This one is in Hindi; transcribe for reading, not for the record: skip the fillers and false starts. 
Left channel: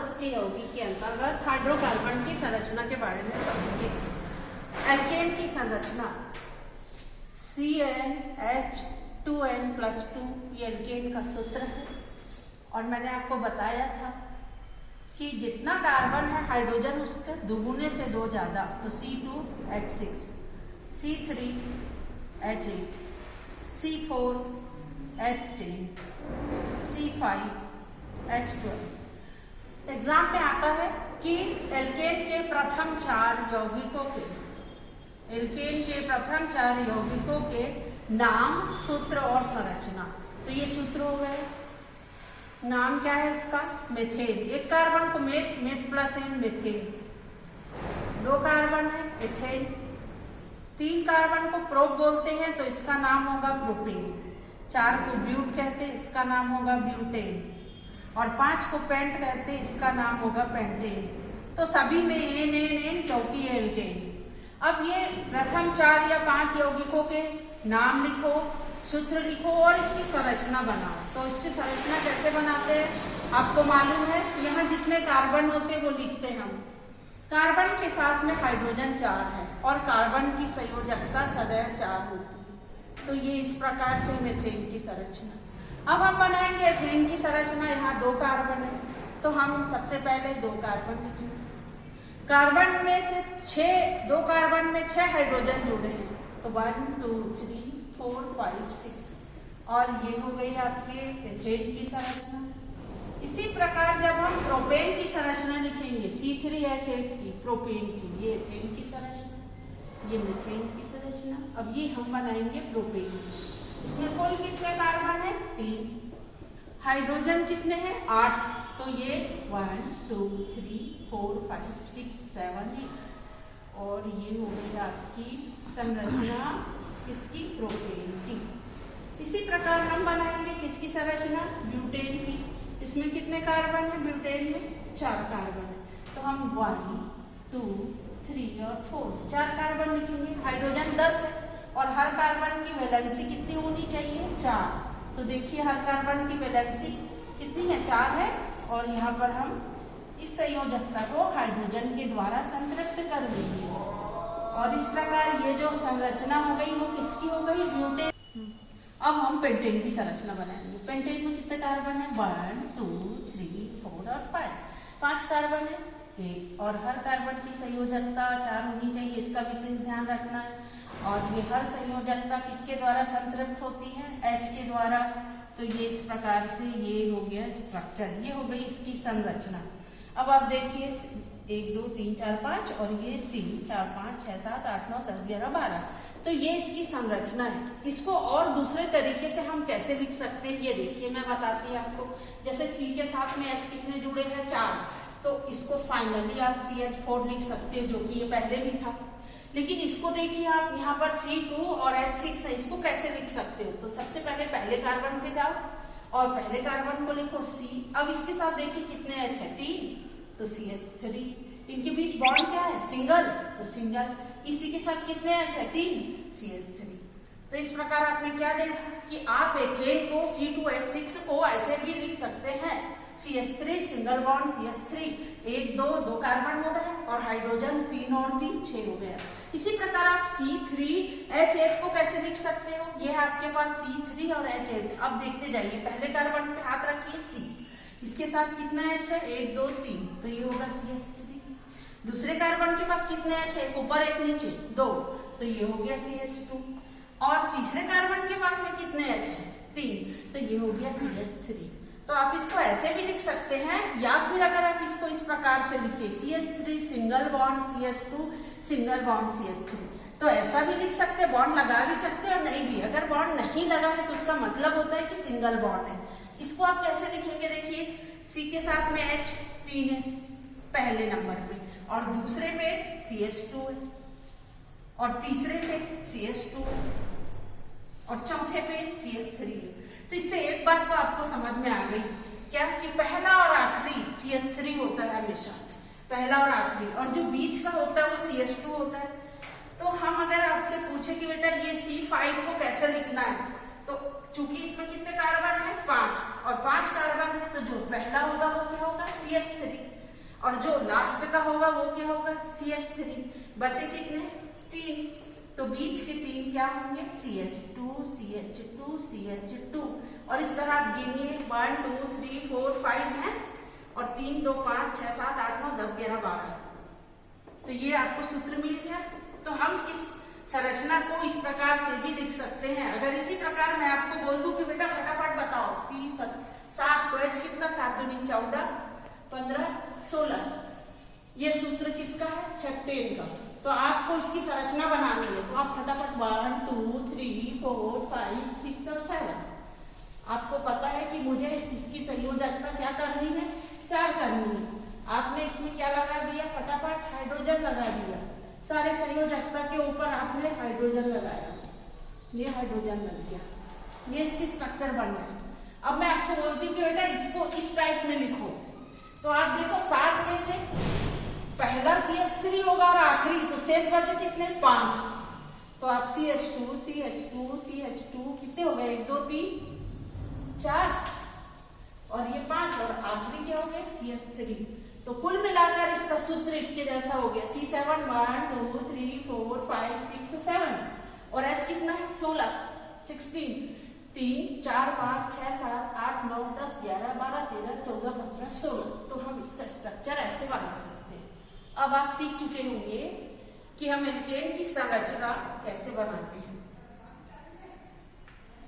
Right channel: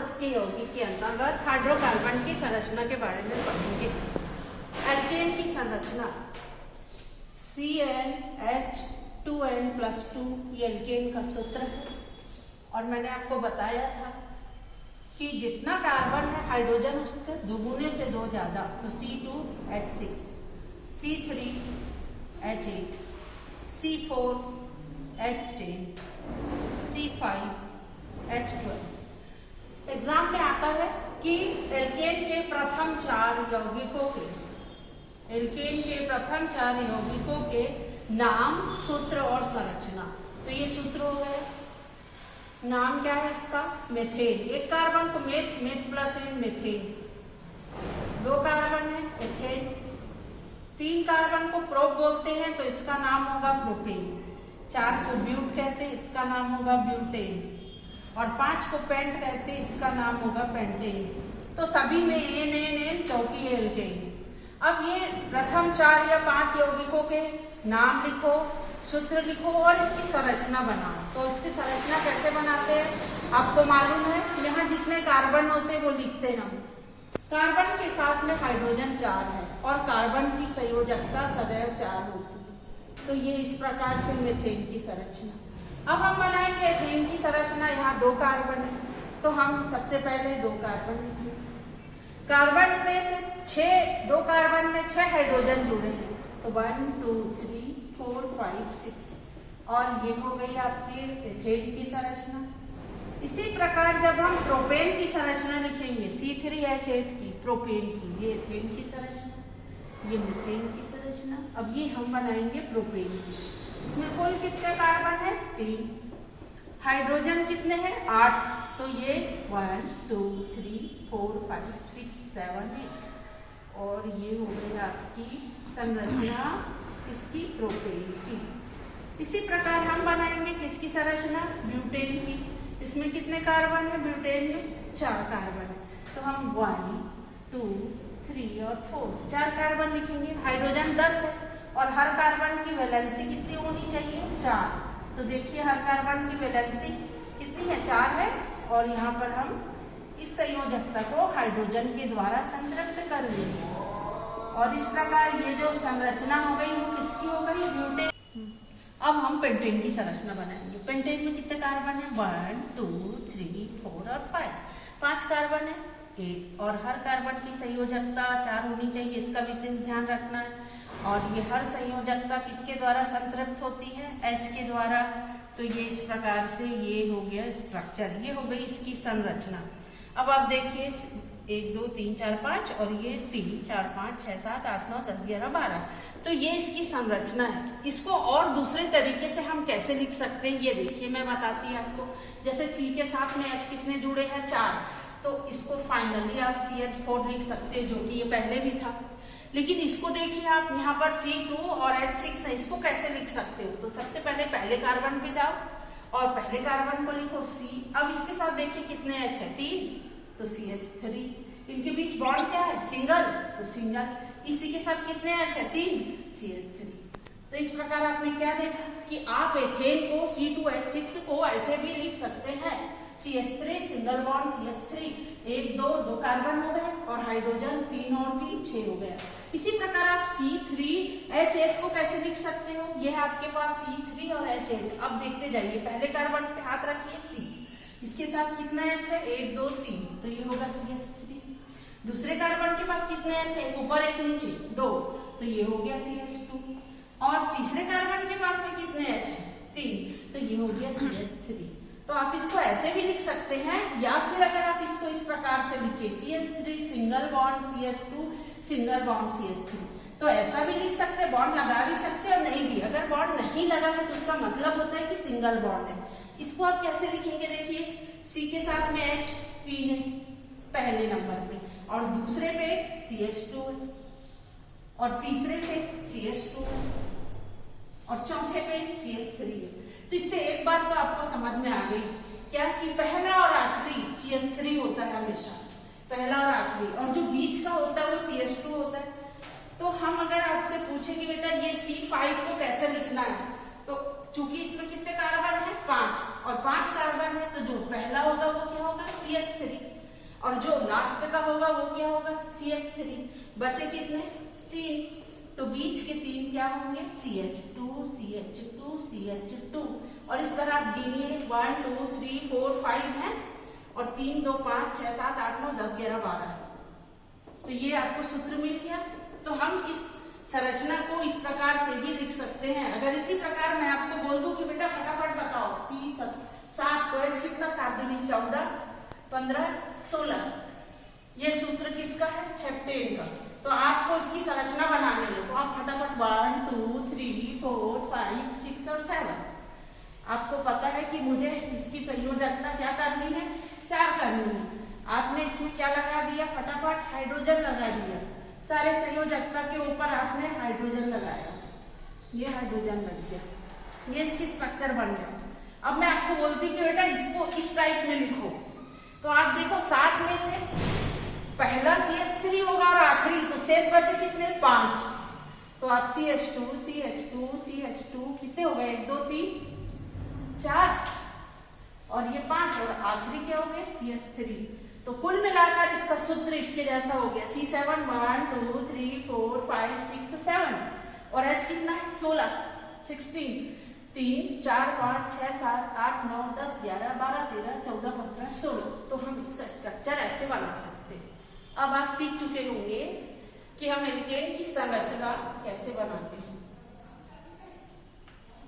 उसके यौगिक के अंतर्गत हाइड्रोकार्बन की संरचना के बारे में पढ़ेंगे। एल्केन की संरचना CnH2n+2 ये एल्केन का सूत्र है। और मैंने आपको बताया था कि जितना कार्बन है हाइड्रोजन उसके दुगुने से 2 ज्यादा, तो C2H6, C3H8, C4H10, C5H12। Exam में आता है कि एल्केन के प्रथम 4 यौगिकों के नाम, सूत्र और संरचना। तो ये सूत्र हो गए। नाम क्या है इसका? मेथेन। एक कार्बन को meth plus ane methane. 2 carbon है एथेन। 3 कार्बन को प्रोप बोलते हैं तो इसका नाम होगा प्रोपेन। 4 को ब्यूट कहते हैं, इसका नाम होगा ब्यूटेन। और 5 को पेंट कहते हैं, इसका नाम होगा पेंटेन। तो सभी में एन क्योंकि ये एल्केन। अब ये प्रथम 4 या 5 यौगिकों के नाम लिखो, सूत्र लिखो और इसकी संरचना बनाओ। तो इसकी संरचना कैसे बनाते हैं आपको मालूम है। यहाँ जितने कार्बन होते हैं वो लिखते हैं हम। कार्बन के साथ में हाइड्रोजन 4 है और कार्बन की संयोजकता सदैव 4 होती है। तो ये इस प्रकार से मेथेन की संरचना। अब हम बनाएंगे एथेन की संरचना। यहाँ 2 कार्बन है तो हम सबसे पहले 2 कार्बन लिखेंगे। कार्बन में से 2 कार्बन में 6 हाइड्रोजन जुड़े हैं तो 1 2 3 4 5 6 और ये हो गई आपके एथेन की संरचना। इसी प्रकार जब हम प्रोपेन की संरचना लिखेंगे C3H8 की, प्रोपेन की, ये एथेन की संरचना, ये मीथेन की संरचना। अब ये हम बनाएंगे प्रोपेन की। इसमें कुल कितने कार्बन है? 3। हाइड्रोजन कितने हैं? 8। तो ये 1 2 3 4 5 6 7 8 और ये हो गई आपकी संरचना इसकी प्रोपेन की। इसी प्रकार हम बनाएंगे किसकी संरचना? ब्यूटेन की। इसमें कितने कार्बन है? ब्यूटेन में 4 कार्बन है तो हम 1 2 3 और 4 कार्बन लिखेंगे। हाइड्रोजन 10 है और हर कार्बन की वैलेंसी कितनी होनी चाहिए? 4। तो देखिए हर कार्बन की वैलेंसी कितनी है? 4 है। और यहाँ पर हम इस संयोजकता को हाइड्रोजन के द्वारा संतृप्त कर देंगे और इस प्रकार ये जो संरचना हो गई वो किसकी हो गई? ब्यूटेन। अब हम पेंटेन की संरचना बनाएंगे। पेंटेन में कितने कार्बन है? 1 2 3 4 और 5 कार्बन है। और हर कार्बन की संयोजकता 4 होनी चाहिए, इसका विशेष ध्यान रखना है। और ये हर संयोजकता किसके द्वारा संतृप्त होती है? H के द्वारा। तो ये इस प्रकार से ये हो गया स्ट्रक्चर, ये हो गई इसकी संरचना। अब आप देखिए 1 2 3 4 5 और ये 3 4 5 6 7 8 9 10 11 12। तो ये इसकी संरचना है। इसको और दूसरे तरीके से हम कैसे लिख सकते हैं ये देखिए मैं बताती हूँ आपको। जैसे C के साथ में H कितने जुड़े हैं? 4। तो इसको फाइनली आप CH4 लिख सकते हैं जो कि ये पहले भी था। लेकिन इसको देखिए आप यहाँ पर C2 और H6 है, इसको कैसे लिख सकते हो? तो सबसे पहले कार्बन पे जाओ और पहले कार्बन को लिखो C। अब इसके साथ देखिए कितने H है? 3 तो CH3। इनके बीच बॉन्ड क्या है? सिंगल तो सिंगल। इसी के साथ कितने H है? 3 CH3। तो इस प्रकार आपने क्या देखा कि आप एथेन को C2H6 को ऐसे भी लिख सकते हैं CH3 single bond CH3 1 2 carbon हो गए और हाइड्रोजन 3 और 3 6 हो गया। इसी प्रकार आप C3H8 को कैसे लिख सकते हो? ये है आपके पास C3 और H8। अब देखते जाइए, पहले कार्बन पे हाथ रखिए C, इसके साथ कितना H है? 1 2 3 तो ये होगा CH3। दूसरे कार्बन के पास कितने H है? ऊपर 1 नीचे 2 तो ये हो गया CH2। और तीसरे कार्बन के पास में कितने H है? 3 तो ये हो गया CH3। तो आप इसको ऐसे भी लिख सकते हैं या फिर अगर आप इसको इस प्रकार से लिखे CH3 single bond CH2 single bond CH3 तो ऐसा भी लिख सकते हैं, बॉन्ड लगा भी सकते हैं और नहीं भी। अगर बॉन्ड नहीं लगा है तो उसका मतलब होता है कि सिंगल बॉन्ड है। इसको आप कैसे लिखेंगे? देखिए C के साथ में H 3 है पहले नंबर पे और दूसरे पे CH2 है और तीसरे पे CH2 और चौथे पे CH3 है। तो इससे एक बात तो आपको समझ में आ गई क्या कि पहला और आखिरी CH3 होता है हमेशा, पहला और आखिरी, और जो बीच का होता है वो CH2 होता है। तो हम अगर आपसे पूछे कि बेटा ये C5 को कैसे लिखना है तो चूंकि इसमें कितने कार्बन है? 5 और 5 कार्बन है तो जो पहला होगा वो क्या होगा? CH3। और जो लास्ट का होगा वो क्या होगा, CH3। बचे कितने, 3, तो बीच के 3 क्या होंगे, CH2 CH2 CH2। और इस तरह आप गिनिए 1 2 3 4 5 है, और 3 2 5 6 7 8 9 10 11 12 है। तो ये आपको सूत्र मिल गया। तो हम इस संरचना को इस प्रकार से भी लिख सकते हैं। अगर इसी प्रकार मैं आपको बोल दूं कि बेटा फटाफट बताओ C7 तो H कितना, 7 दूनी 14 15 16, ये सूत्र किसका है, हेप्टेन का। तो आपको इसकी संरचना बनानी है, तो आप फटाफट 1 2 3 4 5 6 और 7। आपको पता है कि मुझे इसकी संयोजकता क्या करनी है, 4 करनी है। आपने इसमें क्या लगा दिया, फटाफट हाइड्रोजन लगा दिया। सारे संयोजकता के ऊपर आपने हाइड्रोजन लगाया, ये हाइड्रोजन लग गया, ये इसकी स्ट्रक्चर बन गया। अब मैं आपको बोलती कि बेटा इसको इस टाइप में लिखो, तो आप देखो 7 में से पहला CH3 होगा और आखिरी, तो शेष बचे कितने, 5। तो आप CH2 CH2 CH2 कितने हो गए, 1 2 3 4 और ये 5, और आखिरी क्या हो गया, CH3। तो कुल मिलाकर इसका सूत्र इसके जैसा हो गया, C7 1 2 3 4 5 6 7, और H कितना है, 16 3 4 5 6 7 8 9 10 11 12 13 14 15 16। तो हम इसका स्ट्रक्चर ऐसे बना सकते हैं। अब आप सीख चुके होंगे कि हम एल्केन की संरचना कैसे बनाते हैं।